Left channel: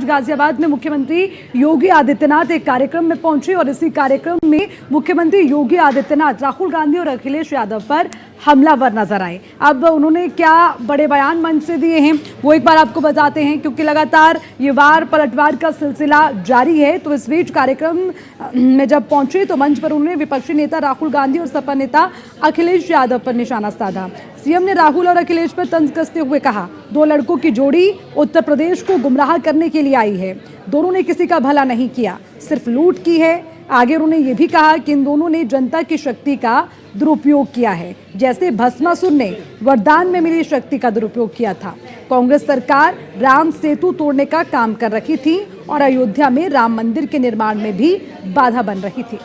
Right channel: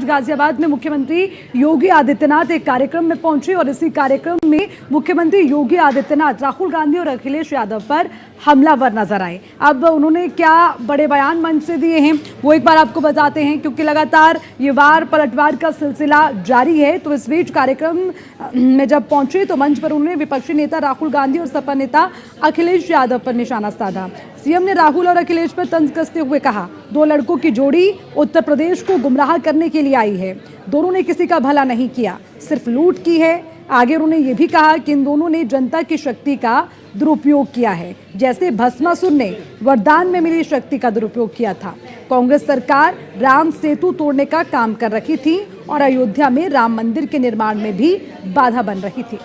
आज गाजियाबाद में मुख्यमंत्री योगी आदित्यनाथ एक कार्यक्रम में पहुंचे और इसी कार्यक्रम में मुख्यमंत्री योगी आदित्यनाथ राहुल गांधी और अखिलेश यादव पर हमलावर नजर आए। अब उन्होंने क्या बड़े बयान मंच से दिए हैं वो एक बार आपको बताते हैं, क्योंकि लगातार ये वार पलटवार का सिलसिला जारी है। तो इस बीच कार्यक्रम में जब पहुंचे तो मंच पर उन्होंने विपक्षी नेता राहुल गांधी और सपा नेता अखिलेश यादव पर निशाना साधा। सीएम ने राहुल और अखिलेश पर तंज कसते हुए कहा, दो लड़कों की जोड़ी उत्तर प्रदेश को गुमराह करने के लिए आई है। दोनों ने किसी का भला नहीं किया, सिर्फ लूट की है। आगे उन्होंने ये भी कहा कि इन दोनों ने जनता की शक्ति का दुरुपयोग किया है, जैसे भस्मासुर ने वरदान में मिली शक्ति का दुरुपयोग किया था। कांग्रेस सरकार राम सेतु तोड़ने का काम कर रही थी और अयोध्या में राम मंदिर के निर्माण में भी बाधा बन रही थी।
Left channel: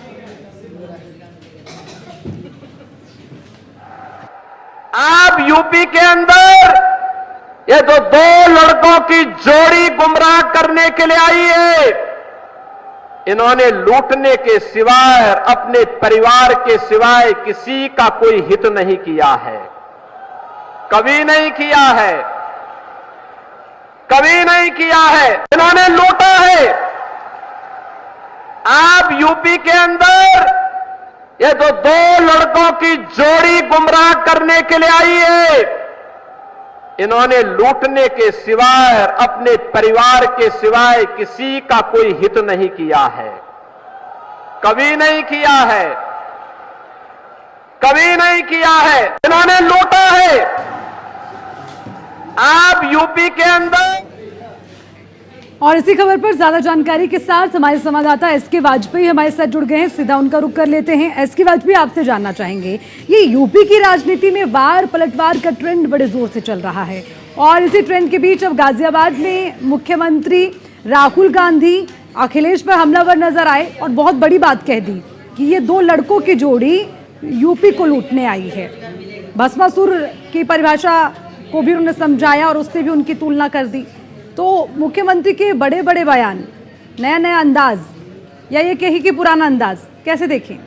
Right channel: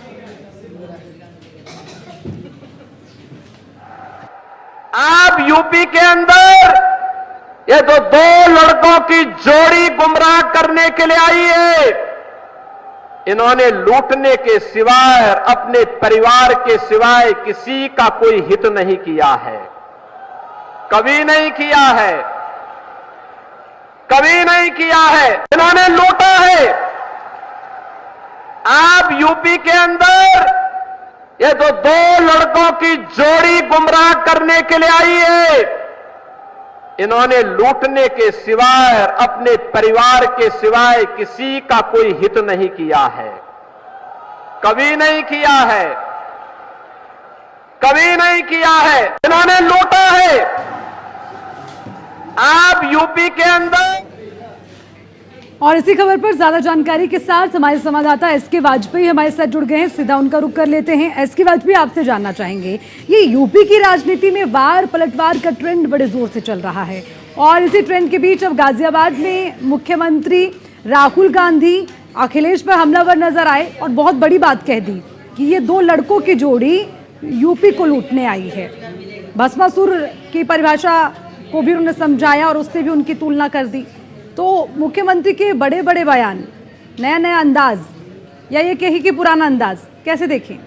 आप यूपी के अंदर ये तो दो लड़कों की जोड़ी गुमराह करने के लिए आई है। इन्होंने लूटने के सिवाय, अपने परिवार के सिवाय किसी का कोई हित नहीं किया है, कभी नहीं किया है, कभी नहीं किया है। इन्होंने लूटा है। आप यूपी के अंदर ये तो दो लड़कों की जोड़ी गुमराह करने के लिए आई है। इन्होंने लूटने के सिवाय, अपने परिवार के सिवाय किसी का कोई हित नहीं किया है, कभी नहीं किया है, कभी नहीं किया है। इन्होंने लूटा है। आप यूपी के अंदर। और इसी खबर पर ज्यादा जानकारी के साथ हमारे संवाददाता एसके वाजपेयी हमारे साथ जुड़ गए हैं। सीधा उनका रुख कर लेते हैं। एसके वाजपेयी, आपसे जानना चाहेंगे, ये यूपी की राजनीति में वार पलटवार का ट्रेंड बड़े जोर से चल रहा है और इसी ट्रेंड के बीच अब गाजियाबाद में मुख्यमंत्री राहुल गांधी अखिलेश पर हमलावर नजर आए और बहुत बड़ी बात कह दी कि ये दो लड़कों की जोड़ी यूपी को लूटने आई है। भस्मासुर की परिभाषा को भी उन्होंने समझाया और उससे भी उनकी तुलना कर दी। तो मुख्यमंत्री के बड़े बड़े बयान, नया नया अंदाज या ये कही कि पुराना अंदाज, कैसे देखें?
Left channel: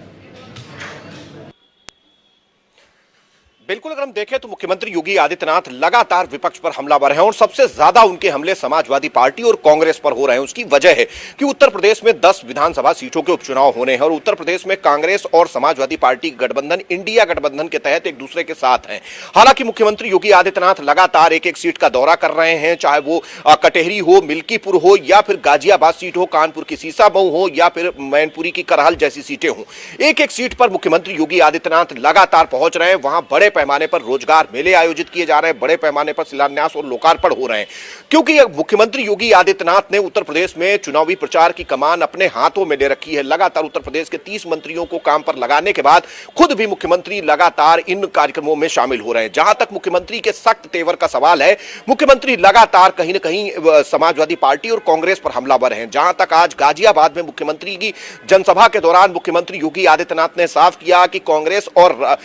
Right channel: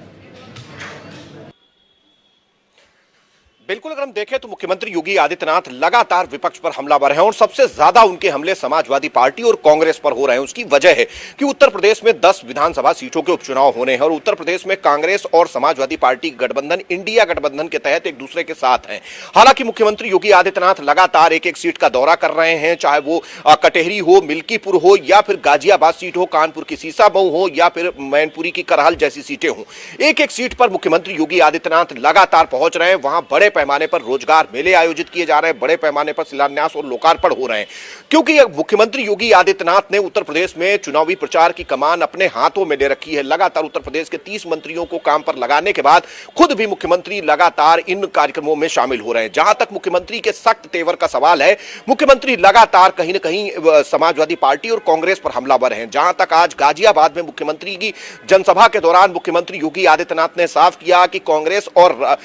बिल्कुल, अगर हम देखें तो मुख्यमंत्री योगी आदित्यनाथ लगातार विपक्ष पर हमलावर हैं और सबसे ज्यादा उनके हमले समाजवादी पार्टी और कांग्रेस पर हो रहे हैं। उसकी वजह है कि उत्तर प्रदेश में 10 विधानसभा सीटों के उपचुनाव होने हैं और उत्तर प्रदेश में कांग्रेस और समाजवादी पार्टी गठबंधन, इंडिया गठबंधन के तहत एक दूसरे के साथ हैं। हालांकि मुख्यमंत्री योगी आदित्यनाथ लगातार एक एक सीट का दौरा कर रहे हैं, चाहे वो कटेहरी हो, मिल्कीपुर हो या फिर गाजियाबाद सीट हो, कानपुर की सीसामऊ हो या फिर मैनपुरी की करहल जैसी सीटें हों। एक एक सीट पर मुख्यमंत्री योगी आदित्यनाथ लगातार पहुंच रहे हैं। वहां बड़े पैमाने पर रोजगार मेले आयोजित किए जा रहे हैं, बड़े पैमाने पर शिलान्यास और लोकार्पण हो रहे हैं, क्योंकि मुख्यमंत्री योगी आदित्यनाथ ने उत्तर प्रदेश में चुनावी प्रचार की कमान अपने हाथों में ले रखी है। लगातार उत्तर प्रदेश के 30 मंत्रियों को काम पर लगाने के बाद खुद भी मुख्यमंत्री लगातार इन कार्यक्रमों में शामिल हो रहे हैं। जहां तक मुख्यमंत्री के सख्त तेवर का सवाल है, मुख्यमंत्री लगातार कहीं न कहीं समाजवादी पार्टी और कांग्रेस पर हमलावर हैं। जहां तक आज गाजियाबाद में मुख्यमंत्री की जनसभा के दौरान मुख्यमंत्री योगी आदित्यनाथ ने साफ किया कि कांग्रेस और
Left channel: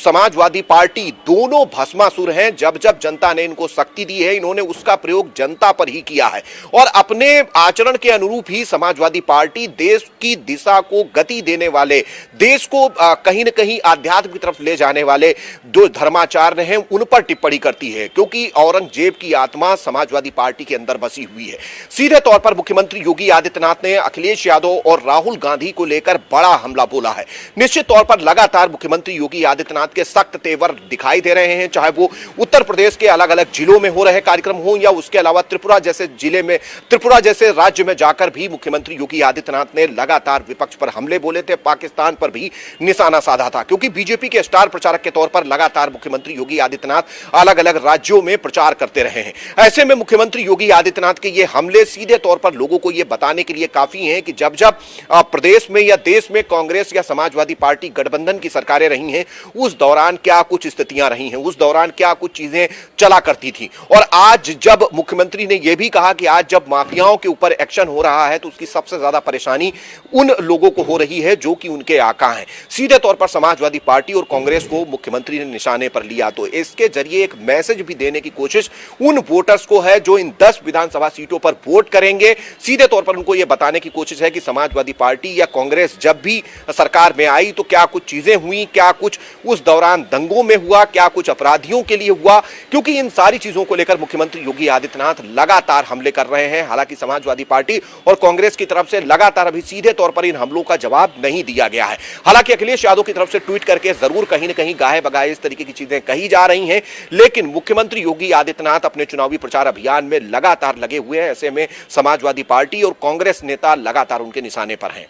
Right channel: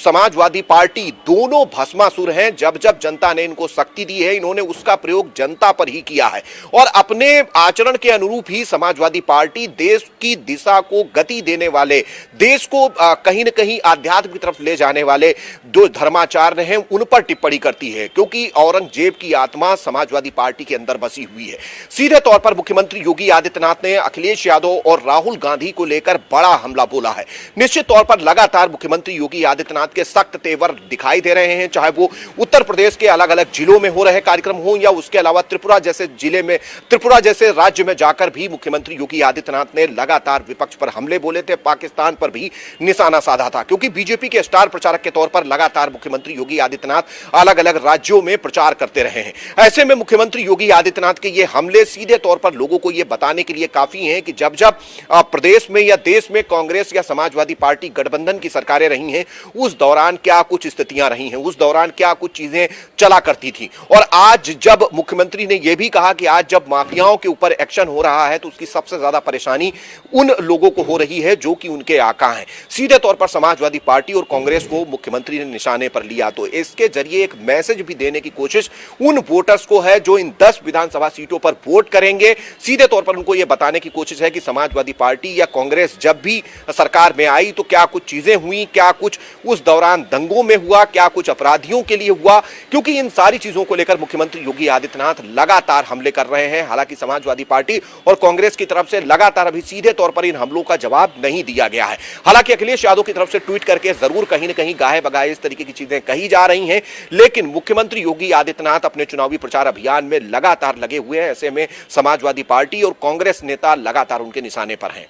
समाजवादी पार्टी दोनों भस्मासुर हैं। जब जब जनता ने इनको शक्ति दी है, इन्होंने उसका प्रयोग जनता पर ही किया है और अपने आचरण के अनुरूप ही समाजवादी पार्टी देश की दिशा को गति देने वाले, देश को कहीं न कहीं आध्यात्म की तरफ ले जाने वाले जो धर्माचार्य हैं उन पर टिप्पणी करती है, क्योंकि औरंगजेब की आत्मा समाजवादी पार्टी के अंदर बसी हुई है। सीधे तौर पर मुख्यमंत्री योगी आदित्यनाथ ने अखिलेश यादव और राहुल गांधी को लेकर बड़ा हमला बोला है। निश्चित तौर पर लगातार मुख्यमंत्री योगी आदित्यनाथ के सख्त तेवर दिखाई दे रहे हैं, चाहे वो उत्तर प्रदेश के अलग अलग जिलों में हो रहे कार्यक्रम हो या उसके अलावा त्रिपुरा जैसे राज्य में जाकर भी मुख्यमंत्री योगी आदित्यनाथ ने लगातार विपक्ष पर हमले बोले थे। पाकिस्तान पर भी निशाना साधा था, क्योंकि बीजेपी के स्टार प्रचारक के तौर पर लगातार मुख्यमंत्री योगी आदित्यनाथ अलग अलग राज्यों में प्रचार करते रहे हैं। ऐसे में मुख्यमंत्री योगी आदित्यनाथ के ये हमले सीधे तौर पर लोगों को यह बताने के लिए काफी हैं कि जब जब प्रदेश में या देश में कांग्रेस या समाजवादी पार्टी गठबंधन की सरकारें रही हैं, उस दौरान क्या कुछ स्थितियां रही हैं, उस दौरान क्या कुछ चीजें चला करती थी। और आज जब मुख्यमंत्री ने यह भी कहा कि आज जब माफियाओं के ऊपर एक्शन हो रहा है तो उसकी सबसे ज्यादा परेशानी उन लोगों को हो रही है जो कि उनके आका हैं। सीधे तौर पर समाजवादी पार्टी और कांग्रेस को मुख्यमंत्री ने निशाने पर लिया। तो इसके जरिए एक मैसेज भी देने की कोशिश उन वोटर्स को है जो इन 10 विधानसभा सीटों पर वोट करेंगे। सीधे तौर पर उनको यह बताने की कोशिश है कि समाजवादी पार्टी या कांग्रेस जब भी सरकार में आई तो क्या कुछ चीजें हुई, क्या कुछ उस दौरान दौरान दंगों में हुआ, क्या कुछ अपराधियों के लिए हुआ, क्योंकि इन सारी चीजों को लेकर मुख्यमंत्री योगी आदित्यनाथ लगातार हमले कर रहे हैं। हालांकि समाजवादी पार्टी और कांग्रेस की तरफ से लगातार अभी सीधे तौर पर इन हमलों का जवाब नहीं दिया गया है। हालांकि अखिलेश यादव की तरफ से ट्वीट करके जरूर कहीं न कहीं गाहे बगाए इस तरीके की चीजें कही जा रही हैं, लेकिन मुख्यमंत्री योगी आदित्यनाथ अपने चुनावी प्रचार अभियान में लगातार लगे हुए हैं। ऐसे में समाजवादी पार्टी और कांग्रेस नेता लगातार उनके निशाने पर हैं।